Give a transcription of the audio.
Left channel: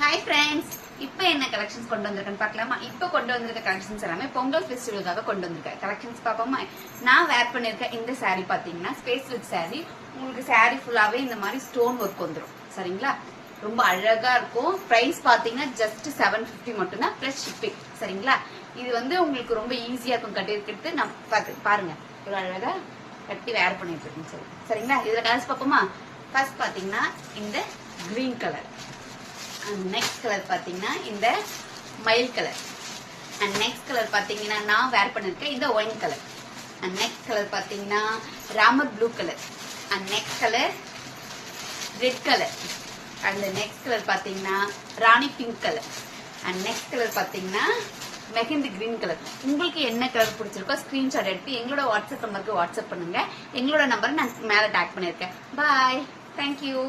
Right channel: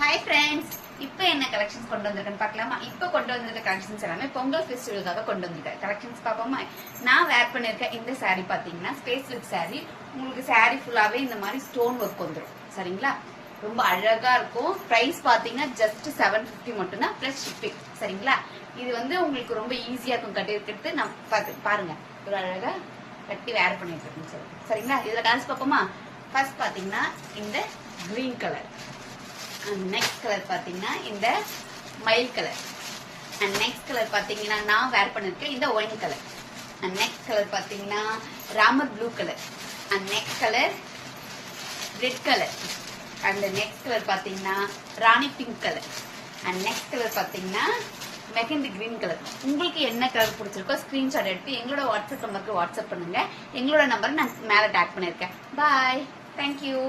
Hi friends, இப்போ என்ன collections கொண்டு வந்திருக்கேன்னு பார்க்கலாமா? இப்போ கொண்டு வந்திருக்க கலெக்ஷன்ஸ் எல்லாமே பொங்கல் ஃபெஸ்டிவலுக்காக கொண்டு வந்திருக்கேன். கலெக்ஷன்ஸ் பார்ப்போமா? நான் வேர் பண்ணிருக்க இந்த சாரீ பாத்தீங்கன்னா ஸ்பேஸ் சில்க் சாரீ. உங்களுக்கு சாரீ ஃபுல்லாவே இந்த மாதிரி ஸ்டோன் ஒர்க் வந்துடும். சரிங்களா? ரொம்ப அழகா இருக்கும். பிரைஸ் பாத்தீங்கன்னா ஜஸ்ட் 750 மட்டும்தான் பிளஸ் ஷிப்பிங். சரிங்களா? இது வந்து உங்களுக்கு ரொம்ப ஈஸியா இருக்கும் கட்டி இருக்கிறது. நான் பாருங்க, இது அழகா கட்டி வேர் பண்ணிட்டு இருக்கேன். சரிங்களா? இதுல கலர்ஸ் பார்ப்போமா? ஃபர்ஸ்ட் பாத்தீங்கன்னா இந்த green colour, and next colour பாத்தீங்கன்னா இந்த மயில் கலர், அண்ட் நெக்ஸ்ட் கலர் பாத்தீங்கன்னா நான் வேர் பண்ணிருக்கேன் இந்த wine colour, and next colour பாத்தீங்கன்னா Ramar blue colour, and next colour red colour, and next colour பாத்தீங்கன்னா Rani pink colour, and next colour பாத்தீங்கன்னா மெஹந்தி கிரீன் கலர். உங்களுக்கு என்ன கலர் பிடிச்சிருக்கோ ஸ்கிரீன்ஷாட் எடுத்து எங்களோட வாட்ஸ்அப் நம்பருக்கு வாட்ஸ்அப் பண்ணுங்க. எங்களோட நம்பர் நான் மேல டேக் பண்ணிருக்கேன். பாய், தேங்க்யூ.